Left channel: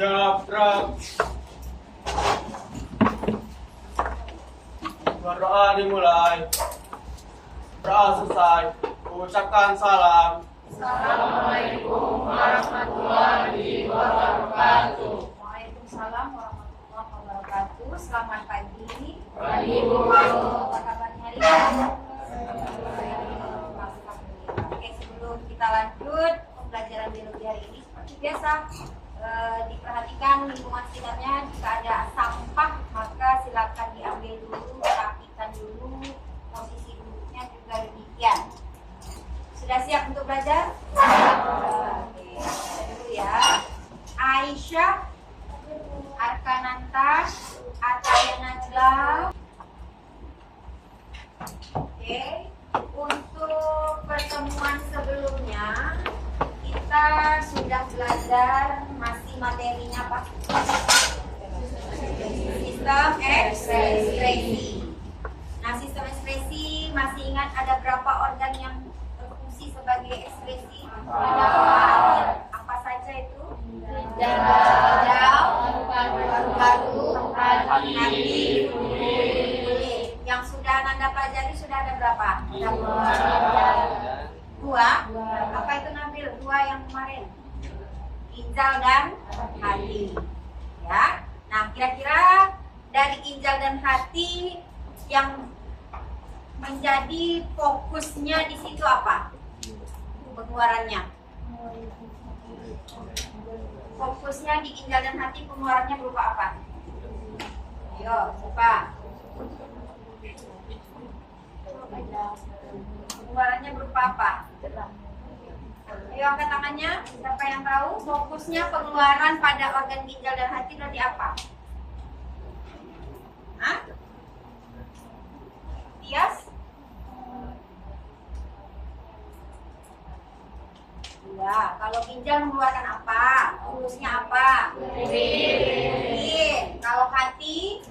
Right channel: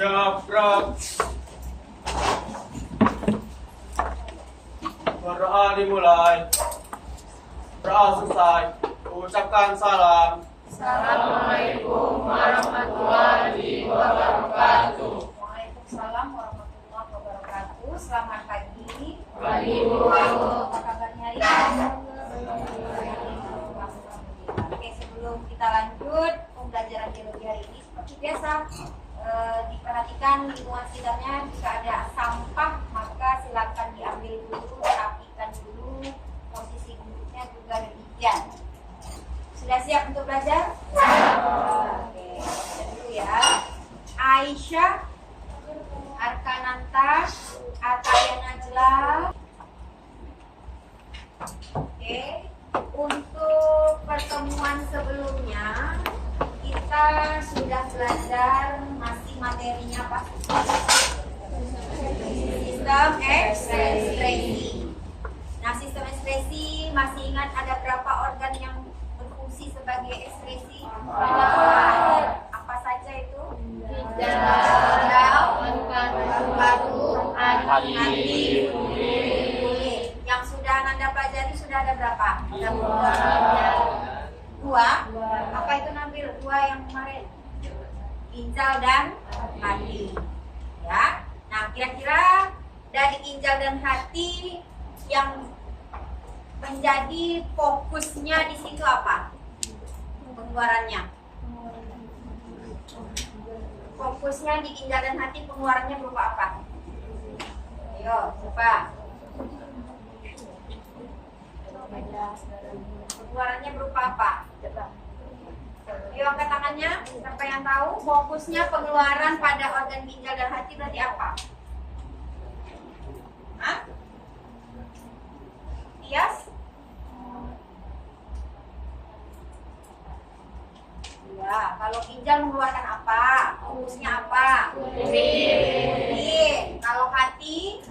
Siap, berdoa dimulai. Berdoa selesai. Ucapkan salam. Assalamualaikum warahmatullahi wabarakatuh. Waalaikumsalam warahmatullahi wabarakatuh. Selamat pagi. Pagi, Bu. Apa kabarnya hari ini? Oke, sebelum kita lanjut pembelajaran biologi hari ini, seperti biasa diperhatikan lingkungan sekitarnya. Jika ada sampah maka silakan diambil dulu, rapikan dulu, posisi duduknya juga demikian. Sudah siap untuk belajar? Oke, baca dulu ya. Aisyah, Arkananta, Ataya Najla. Oke, untuk pertemuan sebelumnya kita sudah belajar masih materinya Pak. Sistem ekspresi. Nah, sistem ekspresi masih ingat ada berapa organ yang berfungsi sebagai ekspresi? Apa saja itu? Ginjal, paru-paru, hati, kulit. Yang sudah Anda pelajari sudah ada berapa? Dua. Apa itu Nabil? Dua yang kemarin. Ginjal dan hati. Ya. Nah, kira-kira dari ginjal dan hati yang menjadi fokusnya di situ apa? Pengeluarannya. Fokusnya di ginjal dan hati, pengeluarannya berupa apa? Ayo, coba. Pengeluarannya berupa apa? Ayo angkat tangannya. Siapa yang tahu? Fokusnya pengeluaran pada organ ginjal dan hati berarti apa? Hah? Tias? Ya, kalau ginjal mengeluarkan apa? Fokusnya apa? Urin. Kalau hati?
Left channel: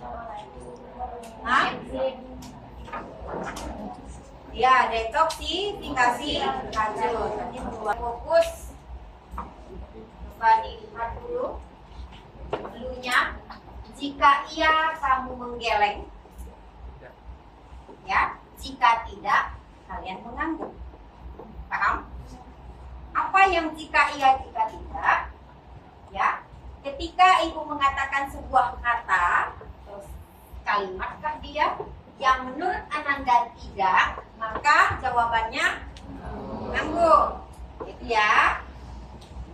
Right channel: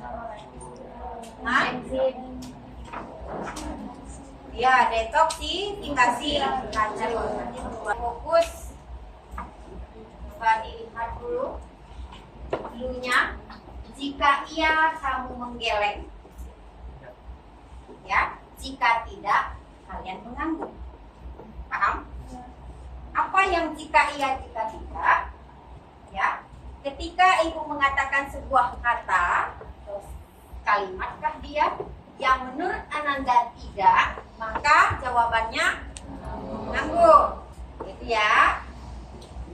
Hah? Ya, detoksifikasi racun. Nanti mengeluarkan fokus. Coba dilihat dulu dulunya. Jika iya, kamu menggeleng. Ya, jika tidak, kalian mengangguk. Paham? Apa yang jika iya, jika tidak? Ya, ketika ibu mengatakan sebuah kata, terus kalimatkah dia? Yang menurut Ananda tidak, maka jawabannya mengangguk. Gitu ya.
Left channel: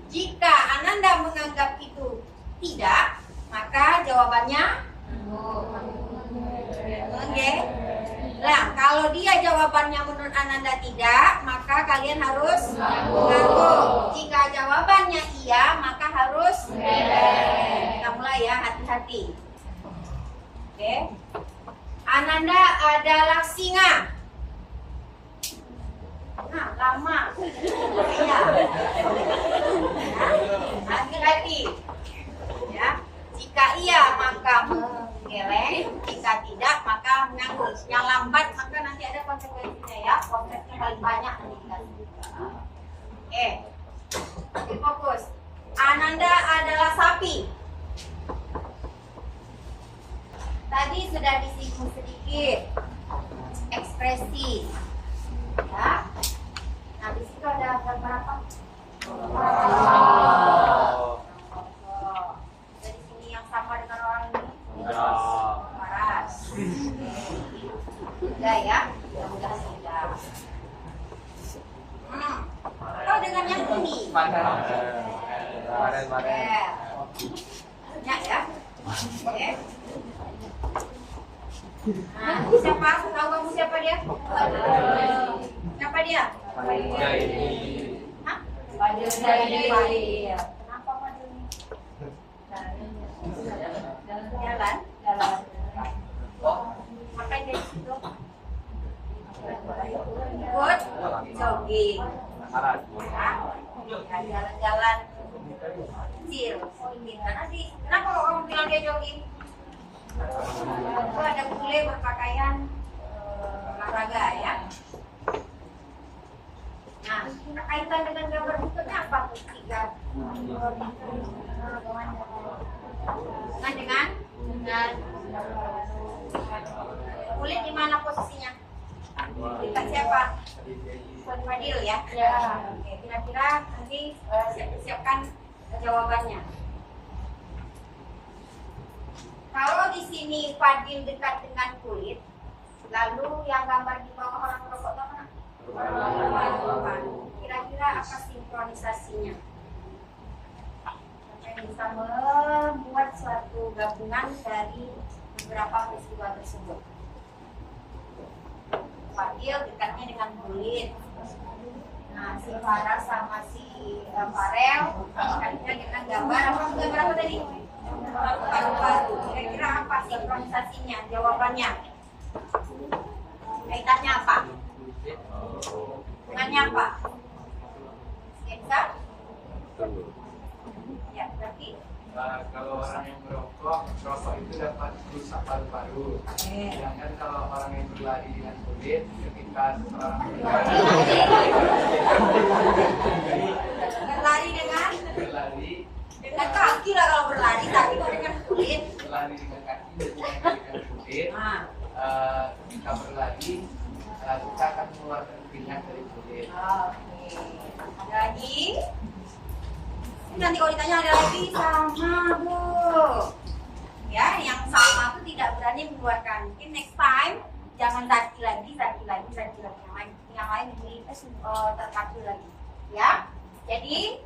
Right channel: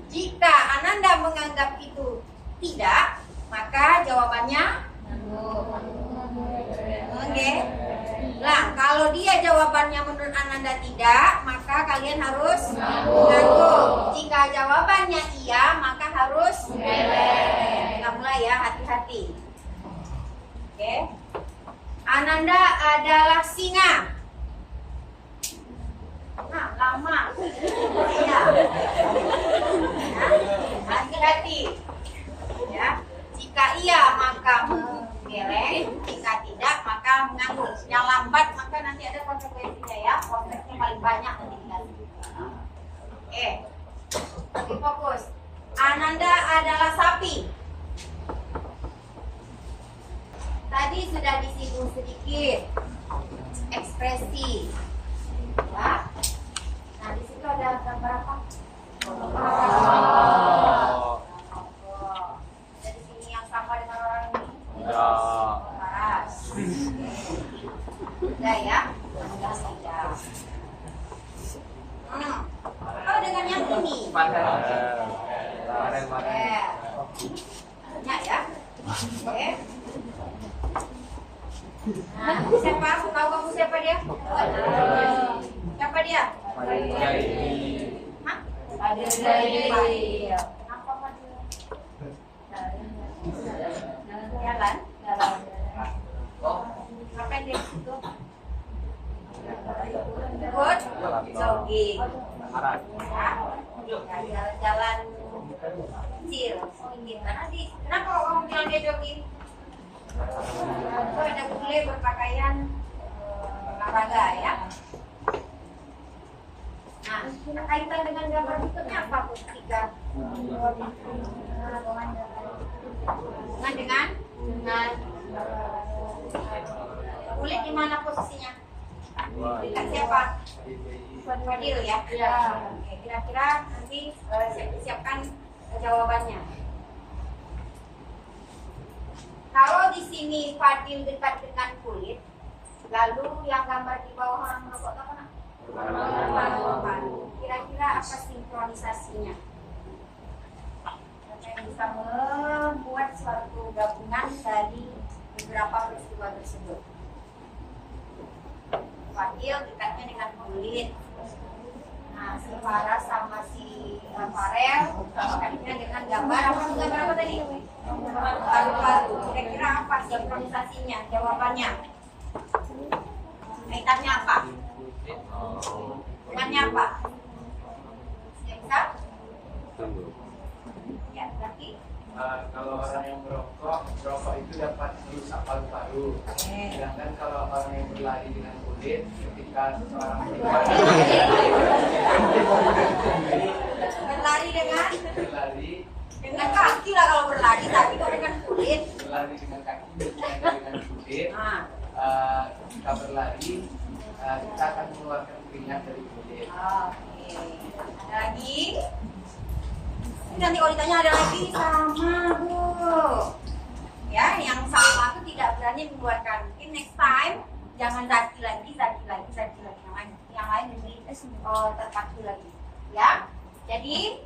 Jika Ananda menganggap itu tidak, maka jawabannya oke. Nah, kalau dia jawabannya menurut Ananda tidak, maka kalian harus mengangguk. Jika jawabannya iya, maka harus kita mulai ya, hati-hati. Oke. Ananda adalah singa. Nah, lama. Ya. Hati-hati. Ya. Jika iya maka menggeleng, jika tidak maka mengangguk. Yang lambat maka nanti ada konsekuensinya ya. Konteksnya paling banyak nanti dikasih. Oke. Oke, fokus. Ananda adalah sapi. Tadi sudah disinggung sedikit ekspresi, ya. Nah, di situ ada beberapa. Dari sini yang sama dengan orang ini. Paras. Sudah ya, sudah. Oh, dengan yang ini. Banyak ya. Oke. Nah, siapa? Tahu kamu siapa dia? Siapa dia? Hah? Fadil. Kenapa Fadil? Jalan. Ngapain dia di situ? Ikut jogging. Ya, jalan-jalan kecil. Kenapa kamu bilang dia jogging? Itu ada bule berpakaian olahraga ya. Nah, kaitan dengan gambar berikutnya apa? Tiga. Dengan Kulit di mana posisinya? Dekat siapa? Fadil ya? Ya. Oke, kira-kira nanti siapkan jawabannya. Kalau di sini Fadil dekat dengan kulit, lalu yang gambar di bawah orang merokok itu apa? Paru-paru. Kira-kira apa sinkronisasinya? Kita bisa membuat suatu gabungan dari beberapa peristiwa tersebut. Fadil dekatnya dengan kulit. Nah, si Farah sama si Farel dekatnya dengan gambar apa tadi? Paru-paru. Kira-kira apa sinkronisasinya? Jawabannya? Kaitannya apa? Dengannya apa? Seksa? Ya, berarti Kalau orang yang merokok itu dapat merusak paru-paru. Sedangkan kalau orang yang berlari dengan kulit, ketika seseorang berlari dengan berlari kaki lah kalau berlari, tapi kalau dengan kulit. berlari dengan kaki dengan kulit, kita berlari, kita akan mengeluarkan keringat dari kulit. Oke. Ada lagi? Nanti kalau ditanya ada lagi sama Bu. Ya, yang sama itu tidak berani mengeluarkan. Mungkin next time jangan zaki lagi. Yang lain diberi terpacu lagi. Ya. Jadi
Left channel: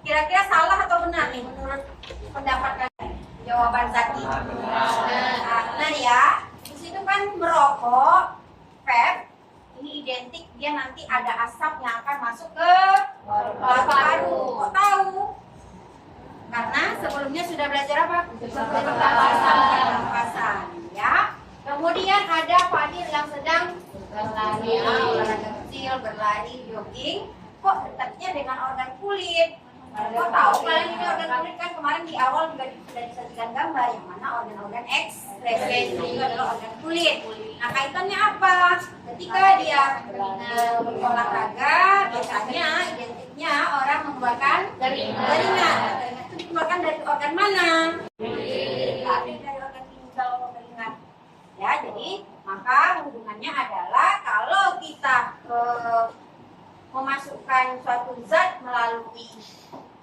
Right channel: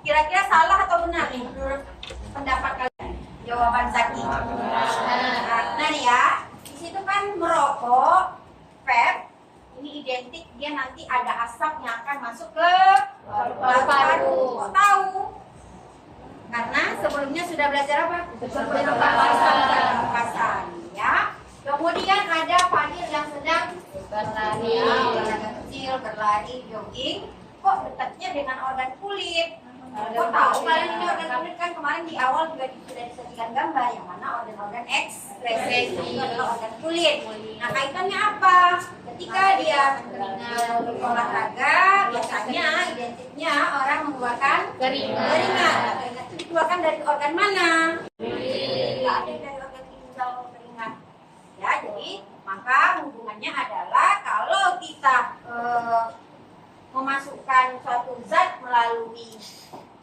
kira-kira salah atau benar nih menurut pendapat kalian? Jawaban Zaki. Nah ya, di situ kan merokok, vape, ini identik dia nanti ada asap yang akan masuk ke paru-paru. Kok tahu? Karena sebelumnya sudah belajar apa? Pernapasan, ya. Kemudian ada Fadil yang sedang berlari, olahraga kecil, berlari, jogging. Kok dekatnya dengan organ kulit? Kok tahu kalian ini organ kulit? Kan kemarin di awal juga sudah disajikan gambar yang mana organ-organ ekspresi itu adalah organ kulit. Nah, kaitannya apa? Ketika dia berolahraga, biasanya identiknya orang mengeluarkan keringat. Keringat itu dikeluarkan dari organ mana? Tidak ada dari organ ginjal keringat. Ya, jadi maka hubungannya adalah kalau kita memasukkan suatu zat melalui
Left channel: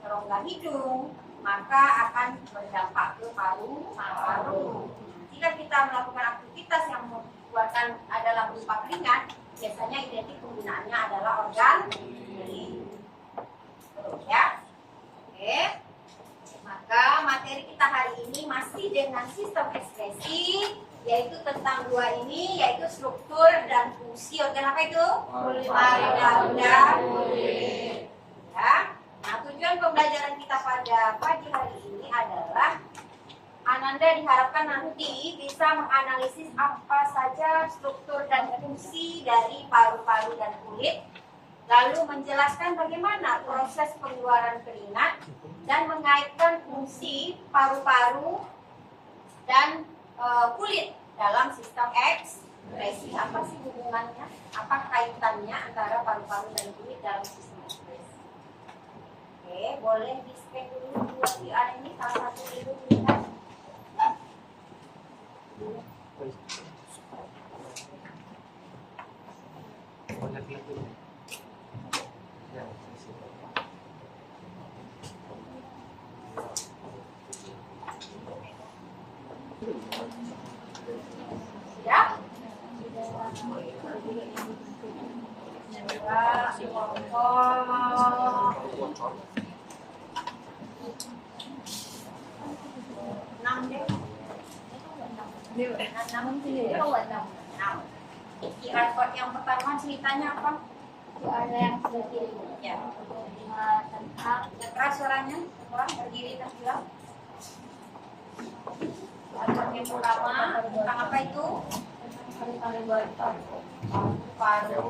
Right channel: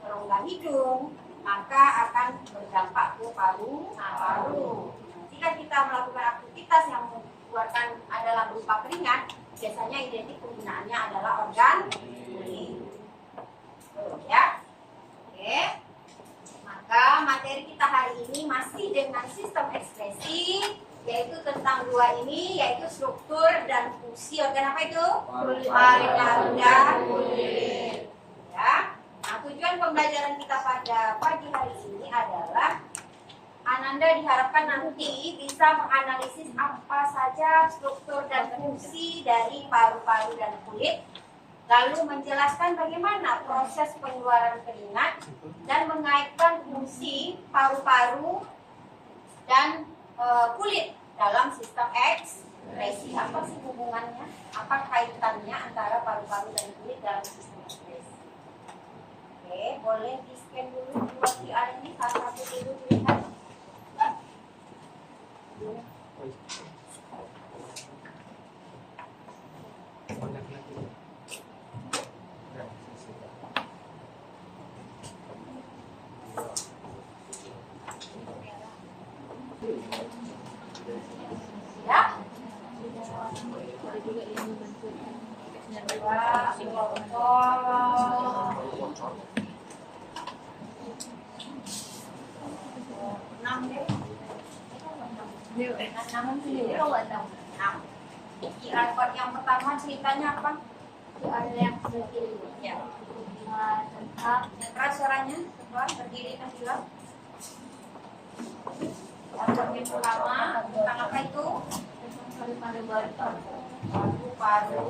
rongga hidung, maka akan berdampak ke paru-paru. Jika kita melakukan aktivitas yang mengeluarkan adalah berupa keringat, biasanya identik penggunaannya adalah organ kulit. Ya, oke. Maka materi kita hari ini masih dengan sistem ekspresi, yaitu tentang dua ini, yaitu struktur dan fungsi organ apa itu? Marunda dan kulit. Ya. Nah, tujuan pembelajaran kita pada pagi hari ini adalah Ananda diharapkan nanti bisa menganalisis apa saja struktur dan fungsi dari paru-paru dan kulit, lalu menjelaskan bagaimana proses pengeluaran keringat dan mengaitkan fungsi paru-paru dan kulit dalam sistem ekspresi. Apa sih hubungannya? Apa kaitannya antara paru-paru dan kulit dalam sistem ekspresi? Oke, boleh di scan dulu dua QR ini, satu itu dilihat. Siap? QR code yang pertama ceritanya apa? ada yang berdiri. Ya. Tentang Keras suaranya, berdiri dan bilang. Yang pertama tentang apa itu? paru-paru Paru.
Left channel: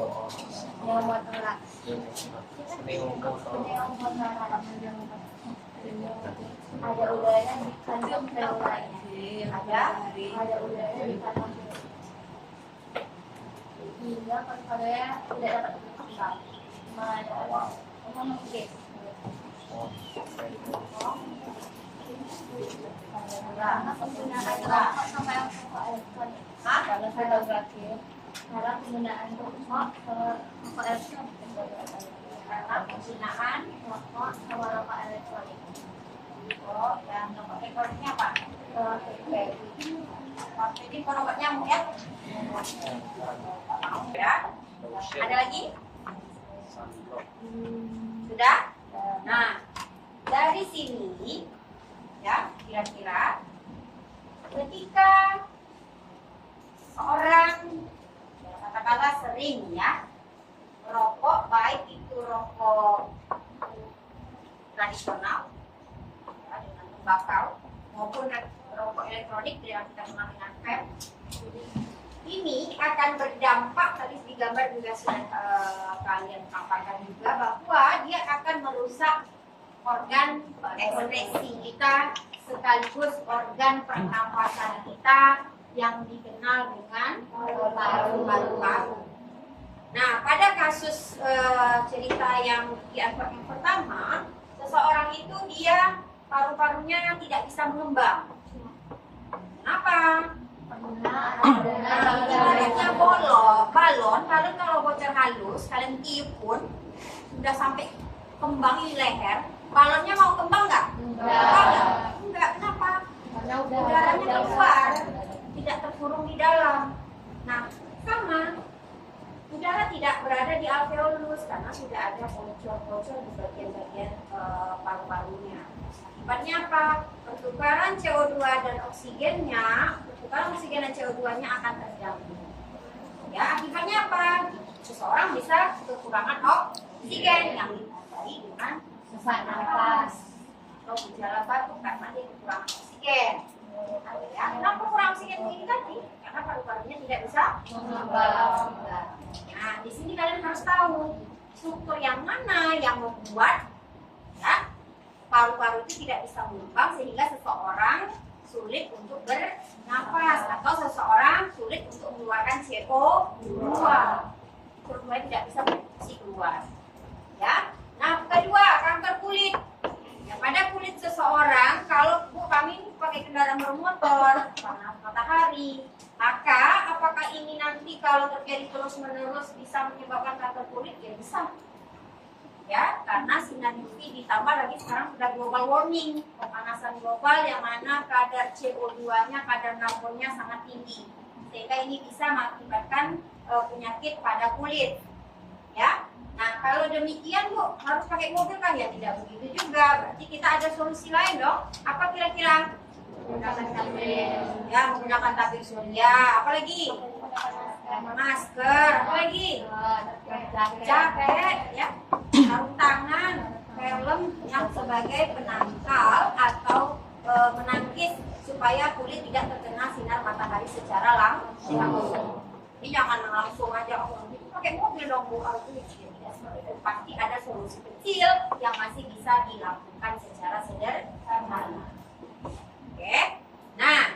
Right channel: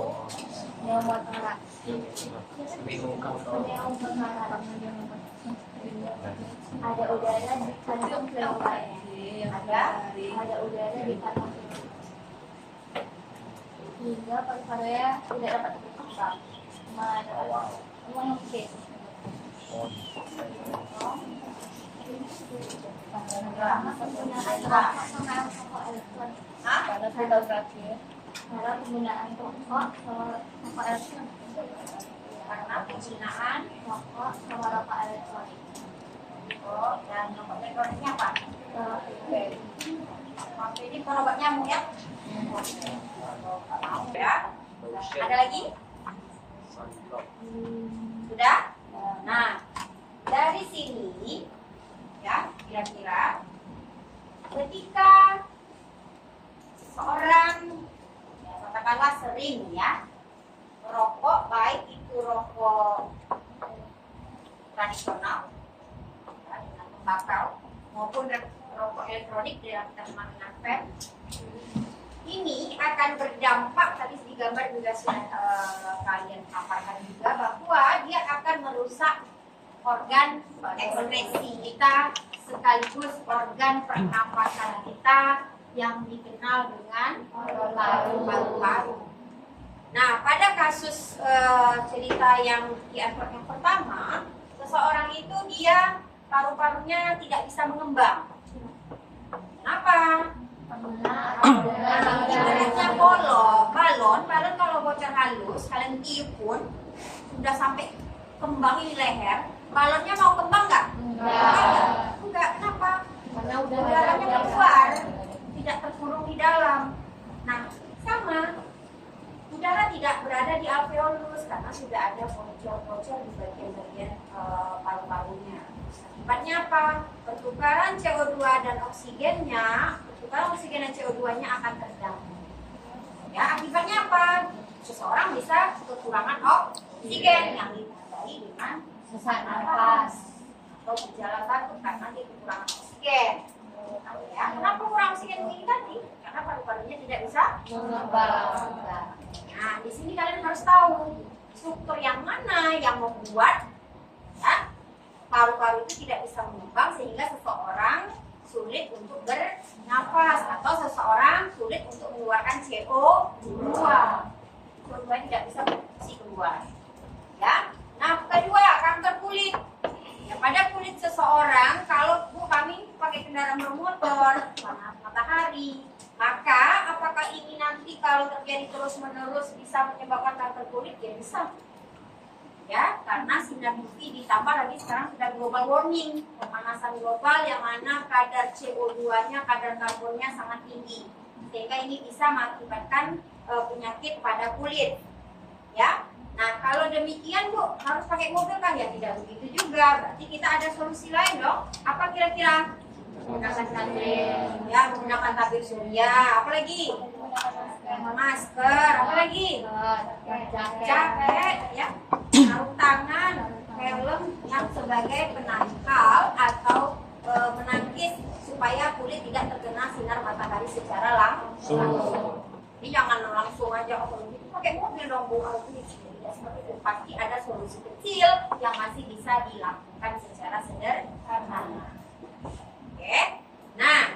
pneumotorak. Ada udara di kantong pneumotorak. Ada udara di kantong hingga paru-parunya tidak dapat berkembang. Mengikis. Karena penggunaan rokok sama rokok elektronik. Kalau fotografi. Karena penggunaan rokok rokok elektronik. Karena penggunaan Rokok sama rokok elektronik. oh yang rokok elektroniknya apa? Baby. Waktu ini obat nyamuk ya? Mau ya? Ada lagi? Sudah? Nah, dari sini ya kira-kira ketika seorang ya, katakanlah sering ya rokok, baik itu rokok tradisional ya, dengan tembakau maupun rokok elektronik yang kita kenal dengan vape, ini akan berdampak, tadi di gambar juga sudah kalian paparkan juga, bahwa dia akan merusak organ ekspresi kita sekaligus organ pernapasan kita yang dikenal dengan paru-paru. Nah, pada kasus cerita yang di advert yang pertama, seseorang itu dia paru-parunya tidak bisa mengembang. Kenapa? Ibaratnya balon kalau bocor halus, kalian tiup pun sudah sampai kembang di leher, balonnya mau kembang nggak? Enggak. Kenapa? Udaranya keluar, tidak terkurung di dalam. Nah, sama. Udara tidak berada di alveolus karena sudah ada bocor-bocor di bagian-bagian paru-parunya. Akibatnya apa? Pertukaran CO2 dan oksigennya, pertukaran oksigen dan CO2-nya akan terganggu. Ya, akibatnya apa? Seseorang bisa kekurangan oksigen yang ditandai dengan sesak nafas atau gejala batuk karena dia kekurangan oksigen. Ya, kenapa kurang oksigen ini tadi? Karena paru-parunya tidak bisa mengembang. Nah, di sini kalian harus tahu struktur yang mana yang membuat ya, paru-paru itu tidak bisa mengembang sehingga seseorang sulit untuk bernafas atau seseorang sulit untuk mengeluarkan CO2. CO2 tidak bisa berfungsi keluar. Ya. Nah, kedua, kanker kulit. Ya, pada kulit seseorang, kalau kami pakai kendaraan bermotor, panas matahari, maka apakah ini nanti kalau terjadi terus-menerus bisa menyebabkan kanker kulit? Ya bisa. Ya, karena sinar UV ditambah lagi sekarang sudah global warming, pemanasan global yang mana kadar CO2-nya, kadar karbonnya sangat tinggi, sehingga ini bisa mengakibatkan penyakit pada kulit. Ya, nah kalau demikian Bu, harus pakai mobil kan? Ya tidak begitu juga, berarti kita ada solusi lain dong. Apa kira-kira? Ya, menggunakan tabir surya, apa lagi? Masker, apa lagi? Jaket, ya, sarung tangan, helm yang sebagai penangkal atau menangkis supaya kulit tidak terkena sinar matahari secara langsung. Jadi jangan langsung aja pakai mobil dong Bu, pasti ada solusi kecil yang masih bisa dilakukan secara sederhana. Oke, nah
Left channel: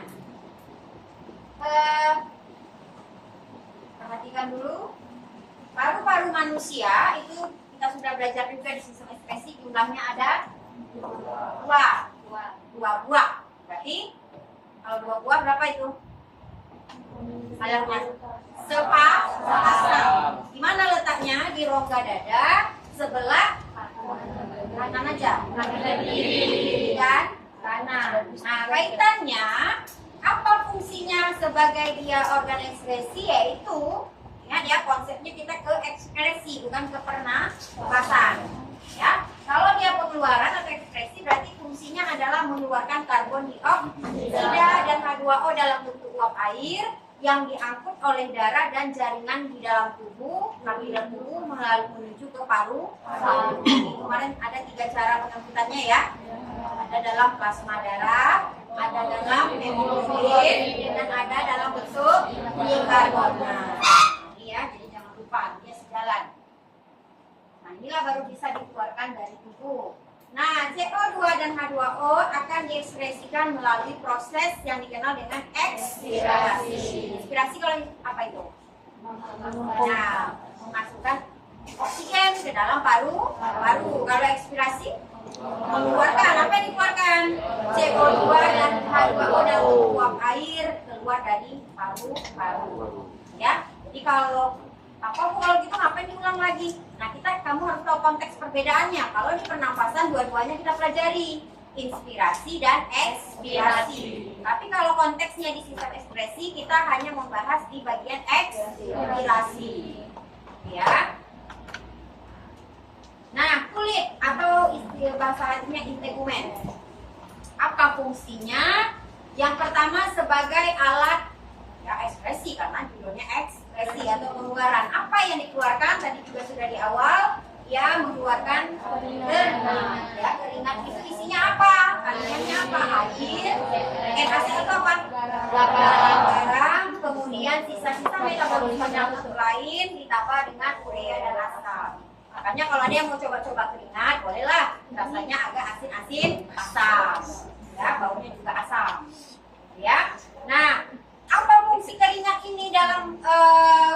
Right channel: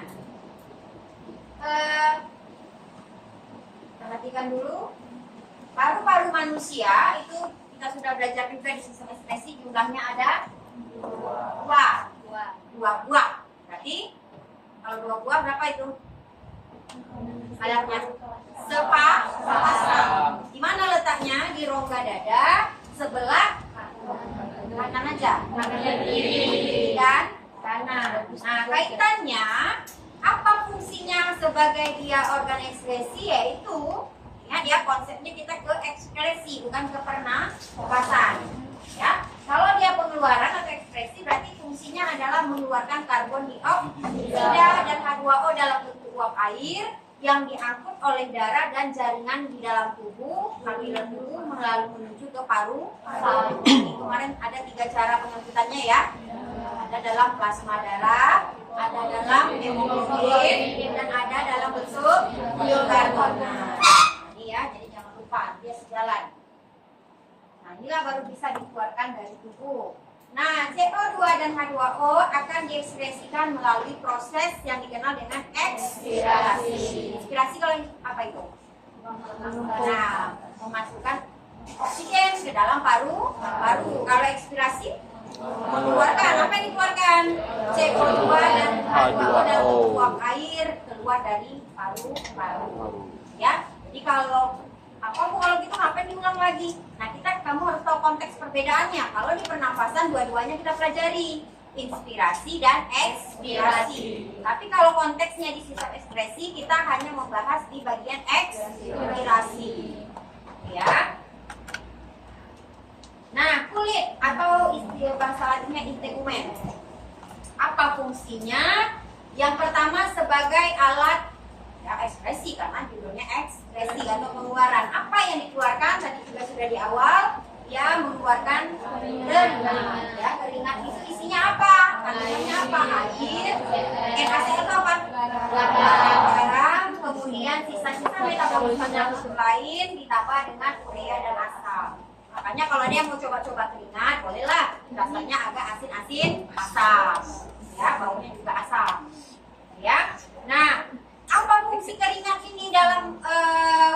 perhatikan dulu paru-paru manusia itu kita sudah belajar juga di sistem ekspresi, jumlahnya ada dua buah. Berarti kalau 2 buah berapa itu? Kadarnya sepasang. Di mana letaknya? Di rongga dada sebelah kanan aja. Kiri dan kanan. Nah, kaitannya apa fungsinya sebagai dia organ ekspresi, yaitu ingat ya, konsepnya kita ke ekspresi bukan ke pernapasan. Ya, kalau dia pengeluaran atau ekspresi berarti fungsinya adalah mengeluarkan karbon dioksida dan H2O dalam bentuk uap air yang diangkut oleh darah dan jaringan di dalam tubuh, aliran tubuh menuju ke paru-paru. Kemarin ada 3 cara pengangkutannya ya. Ada dalam plasma darah, ada dalam hemoglobin, dan ada dalam bentuk bikarbonat. Ini ya, jadi jangan lupa dia sejalan. Nah, inilah baru bisa dikeluarkan dari tubuh. Nah, CO2 dan H2O akan diekspresikan melalui proses yang dikenal dengan ekspirasi. Ekspirasi kalau apa itu? Nah, memasukkan oksigen ke dalam paru-paru. Kalau ekspirasi mengeluarkan, apa yang dikeluarkan? CO2 dan uap air keluar dari paru-paru. Ya, jadi kalau gitu ngapain diulang lagi? Nah, kamu harus tahu konteks perbedaannya. Kalau di pernapasan dua-duanya kita pelajari, inspirasi dan ekspirasi. Tapi kalau konteksnya di sistem ekspresi, kita hanya membahas di bagian ekspirasi. Ya. Nah, kulit atau istilah bahasa latinnya integumen. Apa fungsinya? Yang pertama sebagai alat ekspresi, karena judulnya ekspresi atau pengeluaran. Apa yang dikeluarkan tadi juga sudah di awal, ya mengeluarkan keringat. Ya, keringat itu isinya apa? Kandungannya apa? Air, hasil itu apa? Garam, kemudian sisa-sisa metabolisme lain ditambah dengan urea dan asam. Makanya kalau ada yang mau coba-coba keringat, bolehlah. Rasanya agak asin-asin, asam. Ya, baunya juga asam. Ya. Nah, apa fungsi keringat ini dalam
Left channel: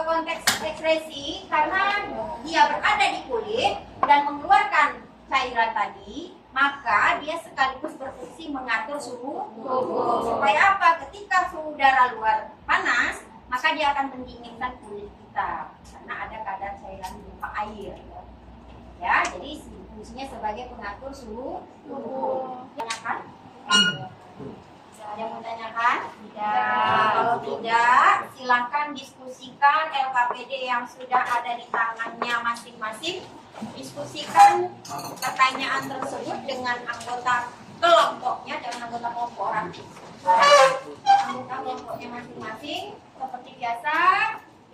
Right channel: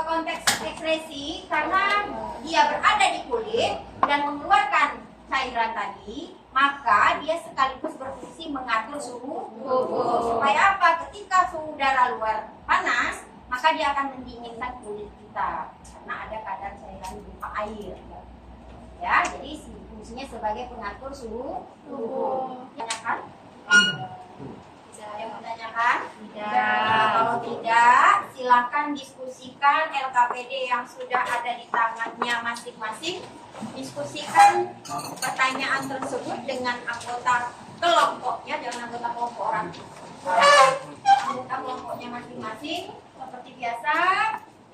konteks ekspresi? Karena dia berada di kulit dan mengeluarkan cairan tadi, maka dia sekaligus berfungsi mengatur suhu tubuh. Supaya apa? Ketika suhu udara luar panas, maka dia akan mendinginkan kulit kita karena ada kadar cairan berupa air. Ya, jadi fungsinya sebagai pengatur suhu tubuh. Tanyakan? Ada yang menanyakan? Tidak. Kalau tidak, silakan diskusikan LKPD yang sudah ada di tangannya masing-masing. Diskusikan pertanyaan tersebut dengan anggota kelompoknya, jangan anggota kelompok orang. Anggota kelompoknya masing-masing. Seperti biasa,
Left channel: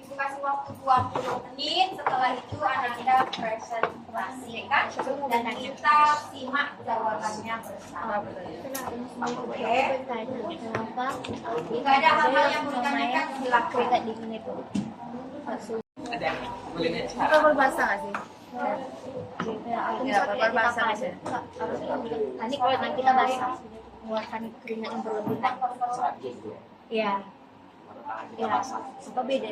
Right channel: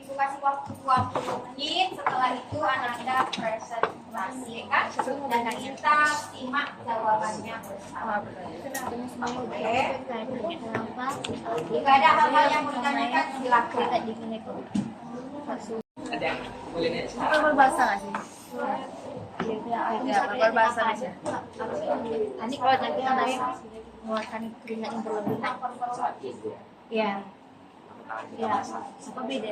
Ibu kasih waktu 20 menit. Setelah itu Anda presentasi kan? Dan kita simak jawabannya bersama. Oke. Jika ada hal-hal yang mau ditanyakan, silakan. Ada yang boleh nanya? Kita berbahasa nggak sih? Ya, berbahasa aja. Nanti kalau kita basah, mengeluarkan keringat yang berlebihan. Ya. Ya, apa beda?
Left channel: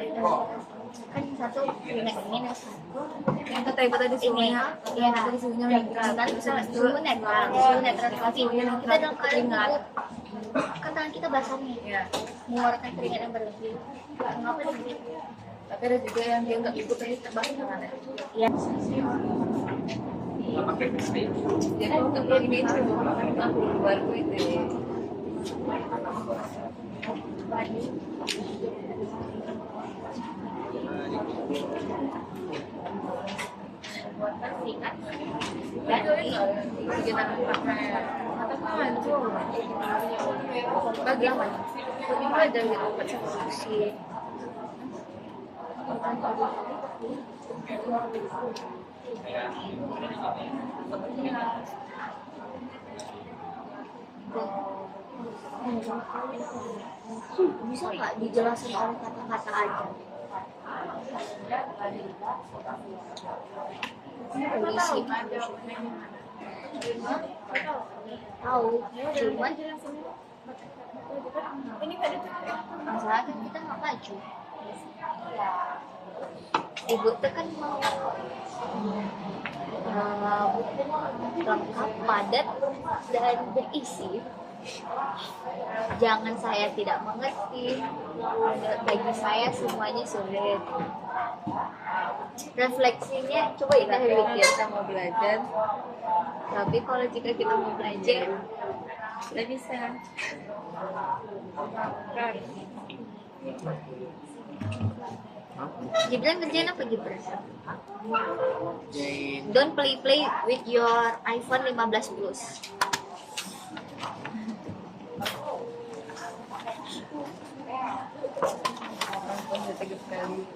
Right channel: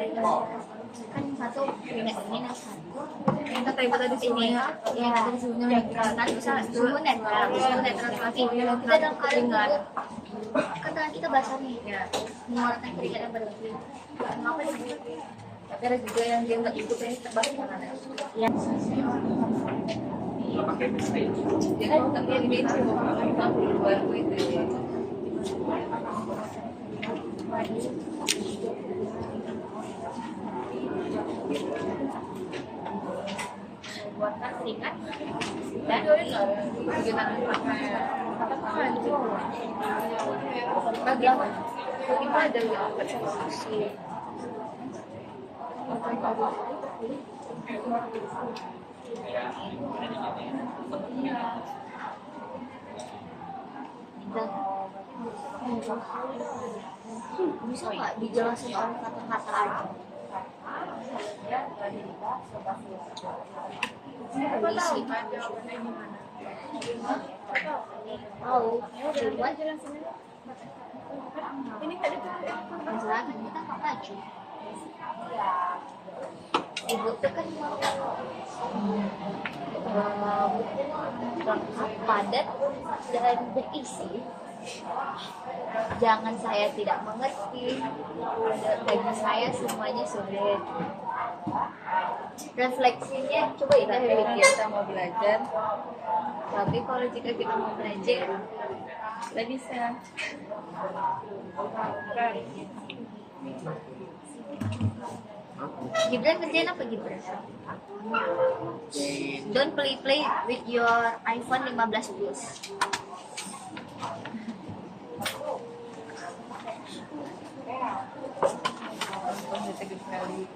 Kan yang satu keringat dingin, yang satu Yang kata ibu tadi suhunya, ya, tadi suhunya netral, misalnya suhu netral lagi. Kita dalam keadaan gugup, kan tangan kita basah nih, ya. mengeluarkan keringat yang berlebih. Mengapa begitu? Tapi ada juga yang dia nggak ikut ini terbang tangannya. Ya. Jadi nggak kayak gini baru itu. Buatkan keringat dan Bagaimana ada yang solusi? bisa nggak dijelasin oleh kata-kata aja? Kondisi tahu, cuman masalahnya kita nggak maju. Ibu tuh kan padat dan berisi. Jangan saya tidak mengerti, bagi saya semuanya sulit. Refleksinya coba kita pikir. Kita mau belajar, Tapi kalau jika kita mau belajar, nggak bisa. Gibran kerjain apa Gibran? Don't play with your iPhone 15 Plus. Tegas sekali.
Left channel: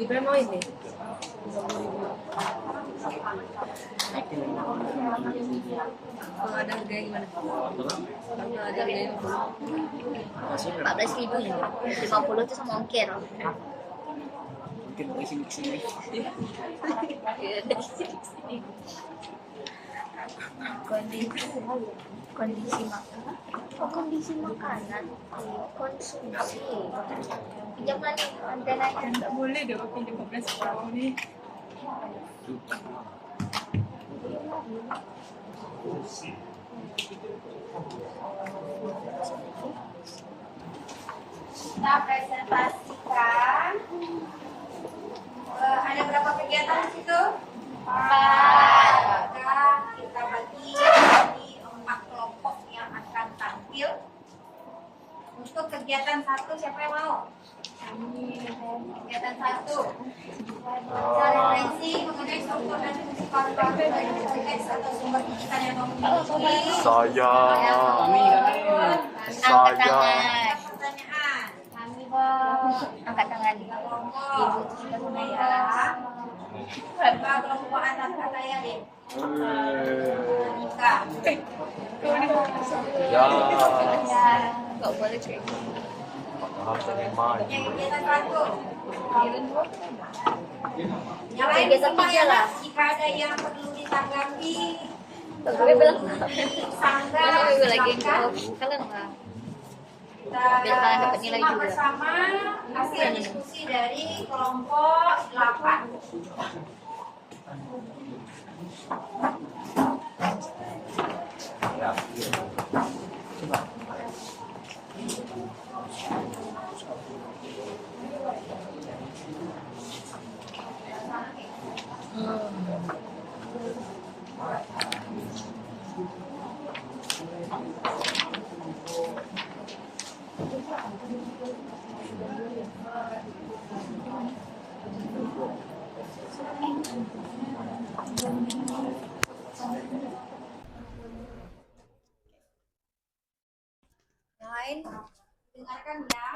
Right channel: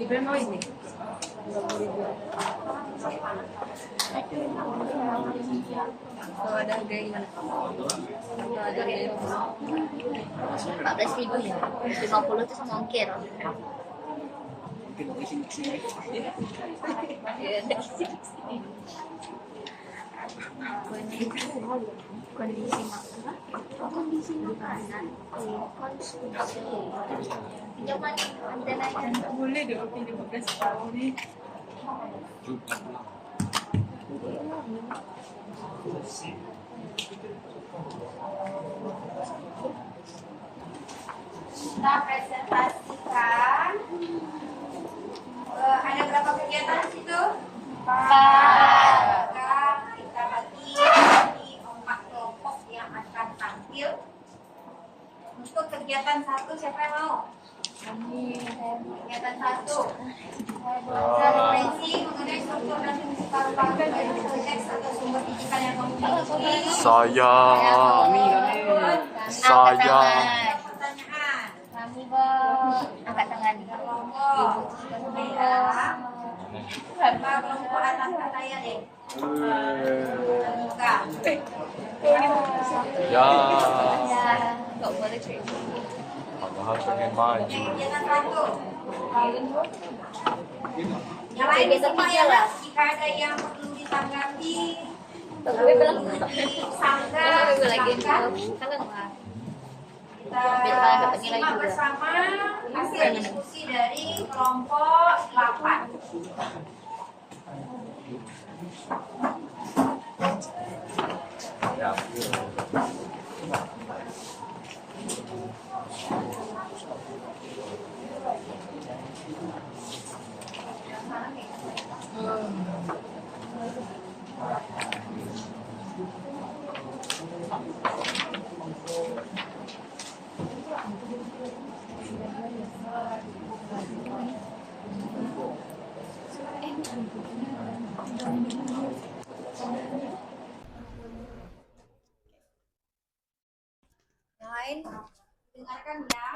Gimana mau ini? Kalau ada harga gimana? Kalau 14.000 ya. 50 itu sama ongkir. Mungkin kesini. Kondisi makanan. Kondisi makanan. Konsumsi. Jangan kontennya. Boleh deh oke 15 tahun nih. Kita presentasikan. Ada berapa kegiatan di situ? 4. Maka kita bagi di 4 kelompok yang akan tampil. Untuk kegiatan 1 siapa yang mau? Kegiatan 1 baca refleksi mengenai struktur dan fungsi paru-paru dari teks atau sumber digital yang memiliki. Saya. Angkat tangan. Pertanyaan. Kami bos. Angkat tangan. Kelompok saya. Coba kelompok atas kata ya deh. Nikah. Ya. Nggak boleh cerita. Yang kegiatan 1. Yang lain disimak ya Mas. Jika ada yang perlu ditanggapi, perlu disanggah, silakan. Kita simak bersama hasil diskusi dari kelompok 8. Yang lain, dengarkan ya.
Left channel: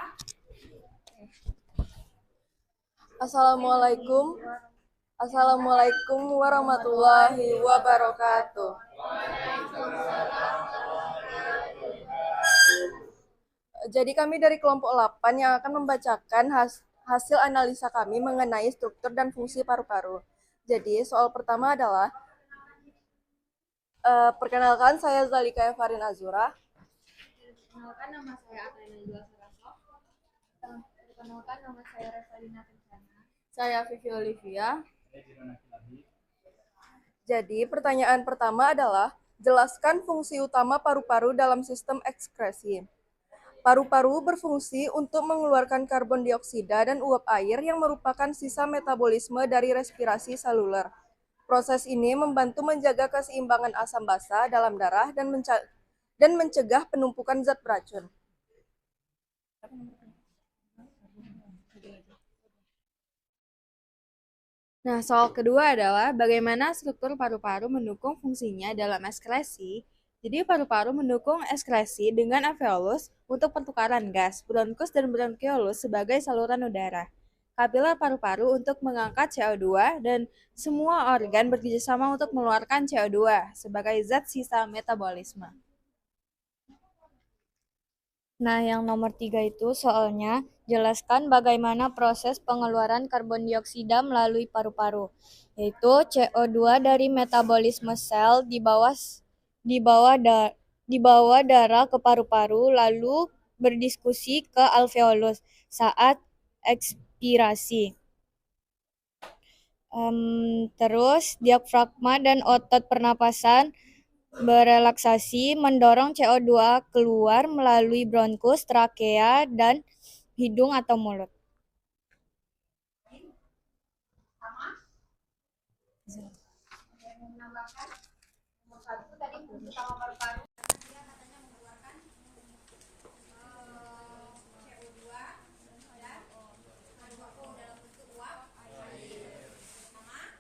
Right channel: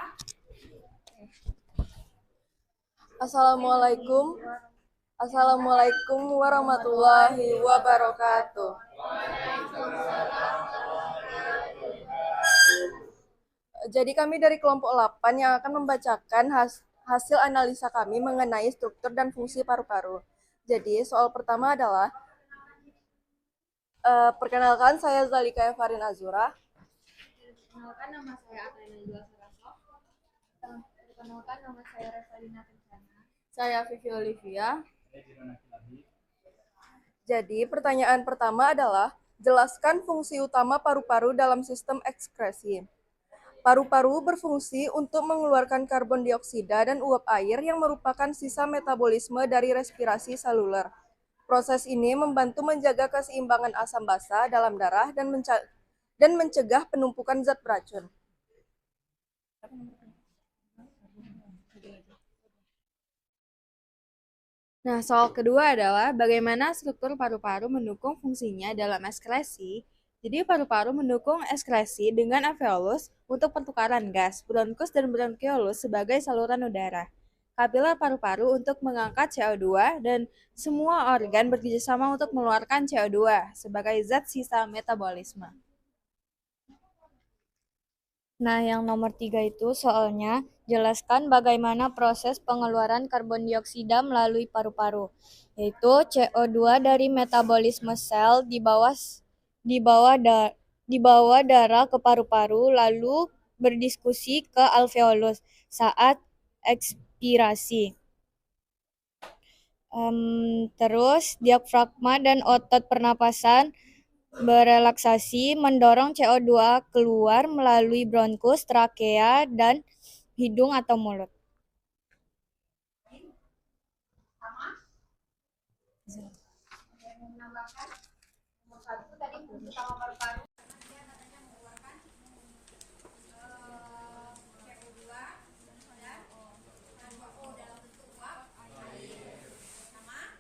Assalamualaikum warahmatullahi wabarakatuh. Jadi kami dari kelompok 8 yang akan membacakan hasil analisa kami mengenai struktur dan fungsi paru-paru. Jadi soal pertama adalah perkenalkan, saya Zalika Evarin Azura. Perkenalkan, nama saya Atlena Jua Saraso. Perkenalkan, nama saya Revalina Kencana. Saya Vivi Olivia. Jadi pertanyaan pertama adalah jelaskan fungsi utama paru-paru dalam sistem ekskresi. Paru-paru berfungsi untuk mengeluarkan karbon dioksida dan uap air yang merupakan sisa metabolisme dari respirasi seluler. Proses ini membantu menjaga keseimbangan asam basa dalam darah dan mencegah penumpukan zat beracun. Nah, soal kedua adalah bagaimana struktur paru-paru mendukung fungsinya dalam ekskresi. Jadi paru-paru mendukung ekskresi dengan alveolus untuk pertukaran gas, bronkus dan bronkiolus sebagai saluran udara, kapiler paru-paru untuk mengangkat CO2, dan semua organ bekerjasama untuk mengeluarkan CO2 sebagai zat sisa metabolisme. Nah, yang nomor 3 itu soalnya jelaskan bagaimana proses pengeluaran karbon dioksida melalui paru-paru, yaitu CO2 dari metabolisme sel dibawa darah ke paru-paru lalu berdiskusi ke alveolus saat ekspirasi. Terus diafragma dan otot pernapasan berelaksasi mendorong CO2 keluar melalui bronkus, trakea, dan hidung atau mulut. Nomor 1 tadi fungsi utama paru-paru. Dia katanya mengeluarkan CO2 dan H2O dalam bentuk uap air. Sama?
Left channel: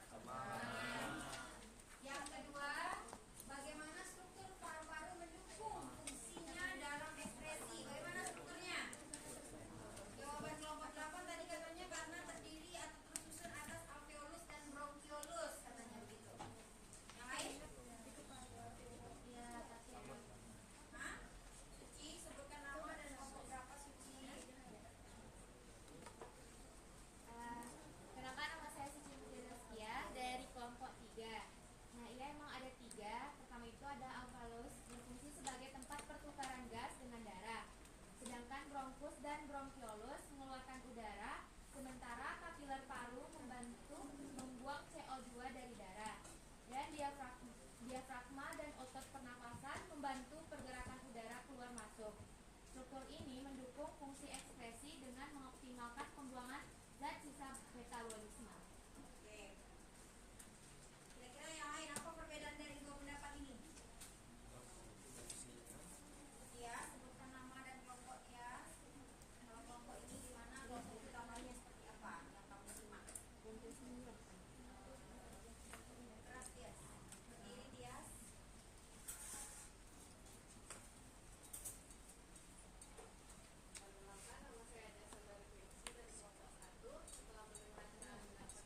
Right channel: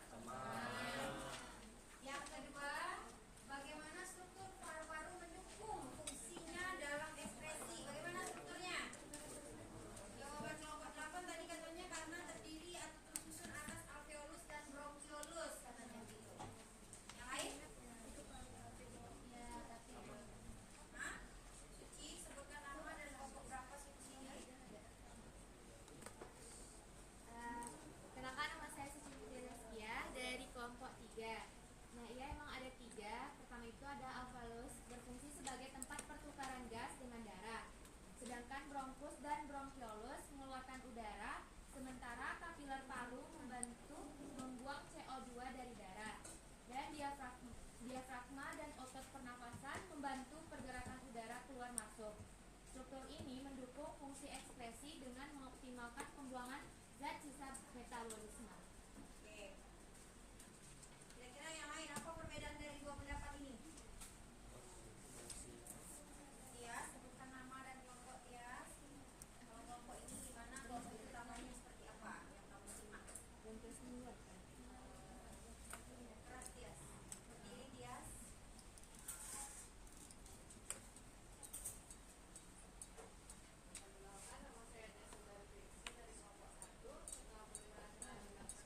Yang kedua, bagaimana struktur paru-paru mendukung fungsinya dalam ekskresi? Bagaimana strukturnya? Jawaban kelompok 8 tadi katanya karena terdiri atau tersusun atas alveolus dan bronkiolus katanya gitu. Yang lain? diafragma dan otot pernapasan membantu pergerakan udara keluar masuk. Struktur ini mendukung fungsi ekskresi dengan mengoptimalkan pembuangan zat sisa metabolisme. Oke. Kira-kira yang lain apa perbedaan dari dua pendapat ini? Ya, sebutkan nama dan kelompok ya. Kalau kelompok ini gimana? Kelompok utamanya seperti apa? Yang kamu simak. Keras Tias. Berdiri Tias. Perkenalkan, nama saya Jas Saudari Fiksi dari kelompok 1. Setelah mendengar keterangan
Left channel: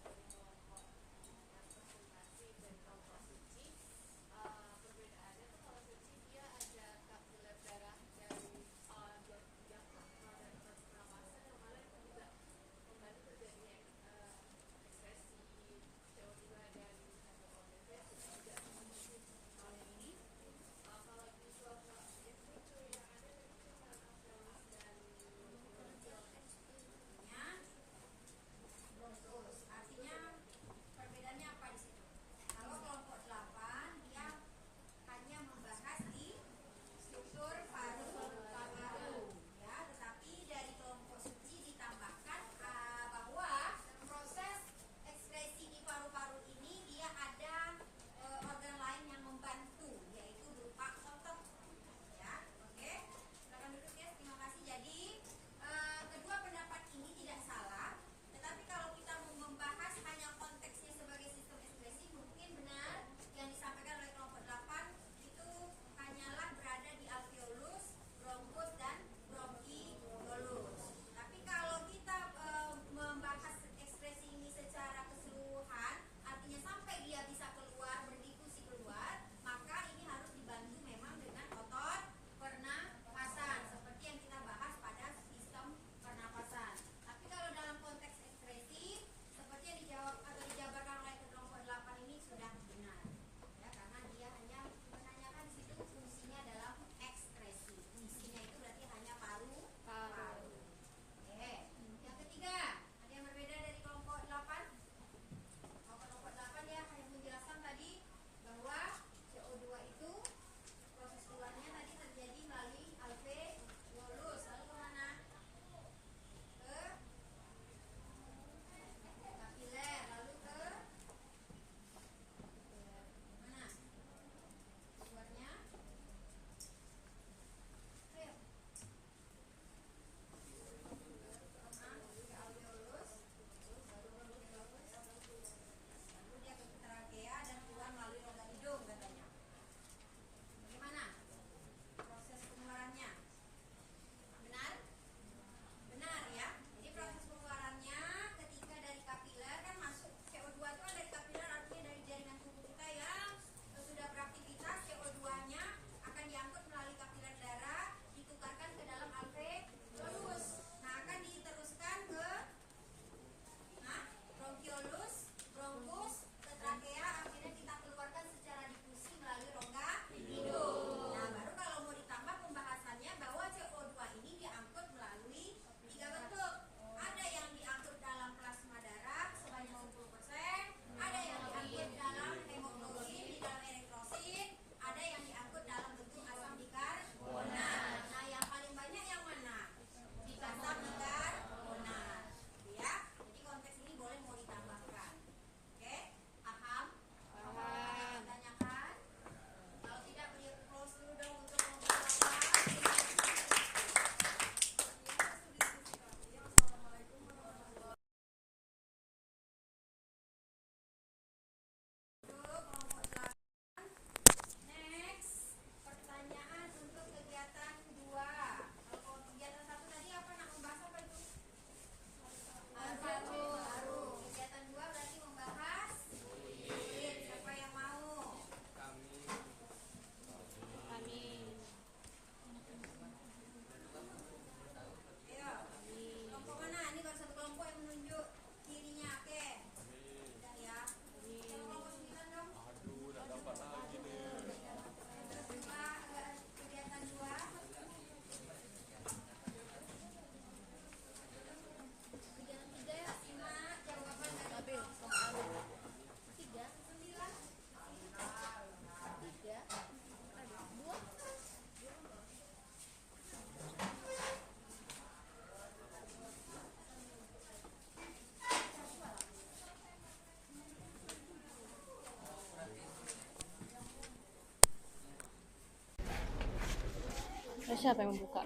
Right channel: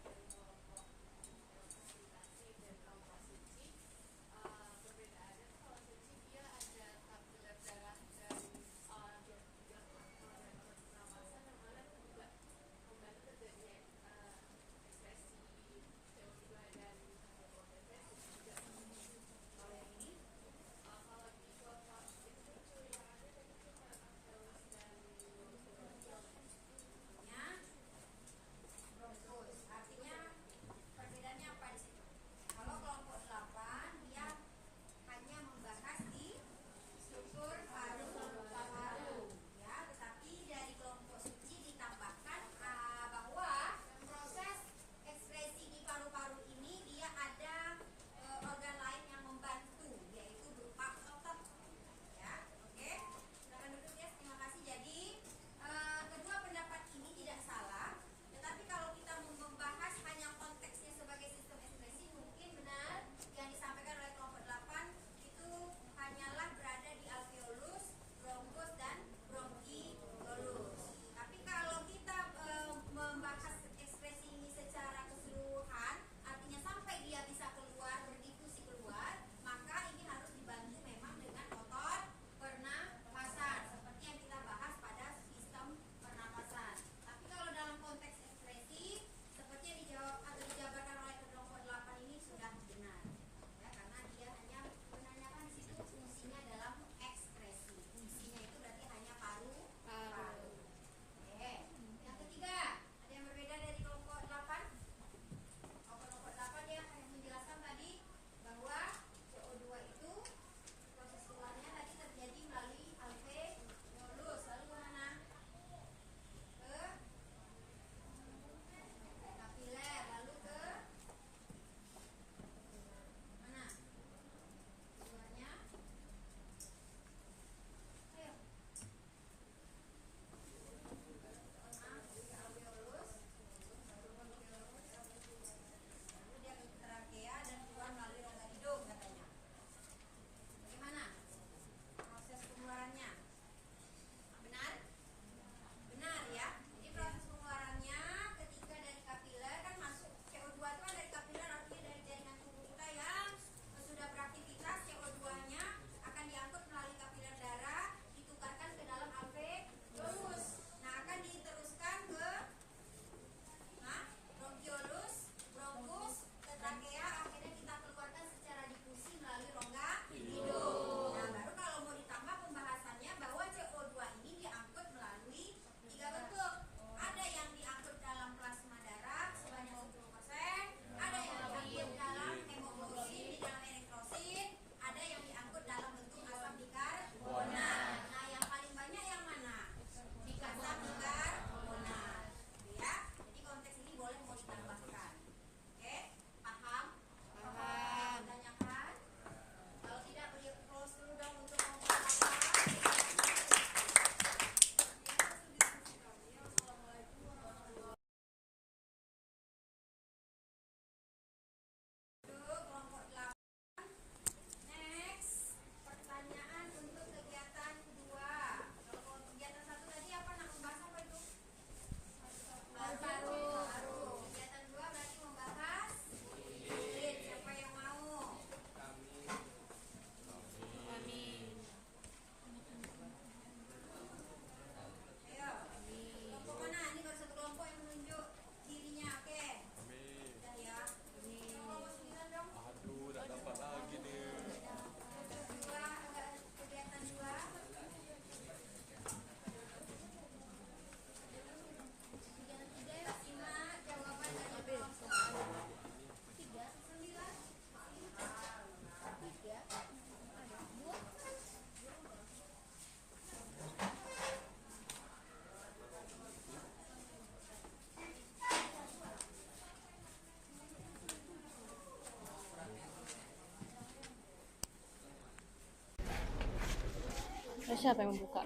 Terus siapa yang membuka?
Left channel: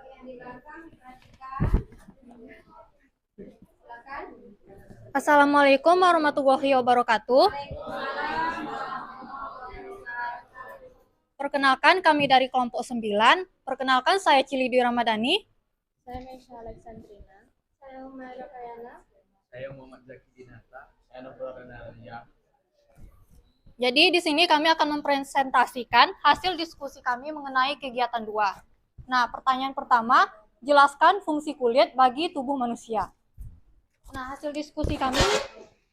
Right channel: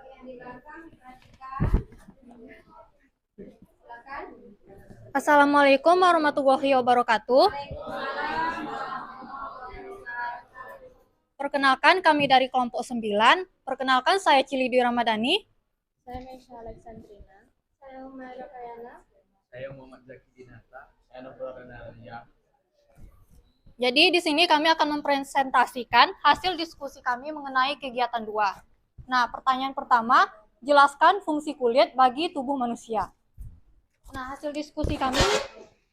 Yang di belakang diperhatikan. Silakan. Assalamualaikum warahmatullahi wabarakatuh. Perkenalkan kami dari kelompok 9. Perkenalkan saya Cilidi Ramadhani. Saya Mesha Alexandrina. Saya Umar Kayana. Saya Muhammad Zaki Dinata. Saya Nubro Renalia. Jadi di sini kami akan mempresentasikan hasil diskusi kami mengenai kegiatan 2. Nah, pertanyaan pertama, jelaskan fungsi kulit bagi tubuh manusia. Nah, hasil diskusi kami,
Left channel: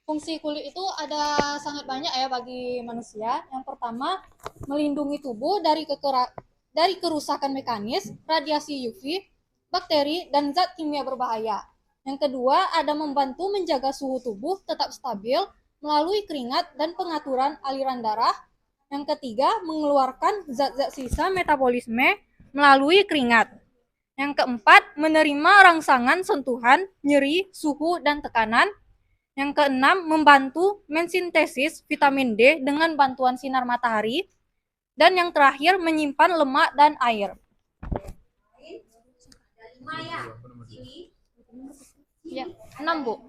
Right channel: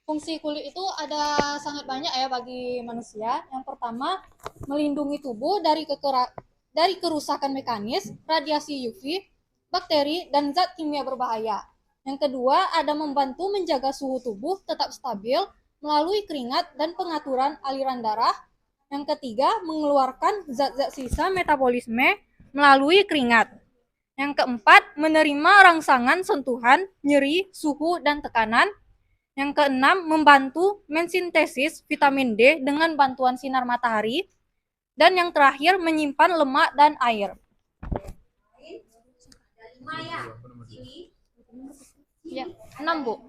fungsi kulit itu ada sangat banyak ya bagi manusia. Yang pertama, melindungi tubuh dari kerusakan mekanis, radiasi UV, bakteri, dan zat kimia berbahaya. Yang kedua, ada membantu menjaga suhu tubuh tetap stabil melalui keringat dan pengaturan aliran darah. Yang ketiga, mengeluarkan zat-zat sisa metabolisme melalui keringat. Yang keempat, menerima rangsangan sentuhan, nyeri, suhu, dan tekanan. Yang keenam, membantu mensintesis vitamin D dengan bantuan sinar matahari. Dan yang terakhir, menyimpan lemak dan air. Dari Maya. Sini. Ya, 6, Bu.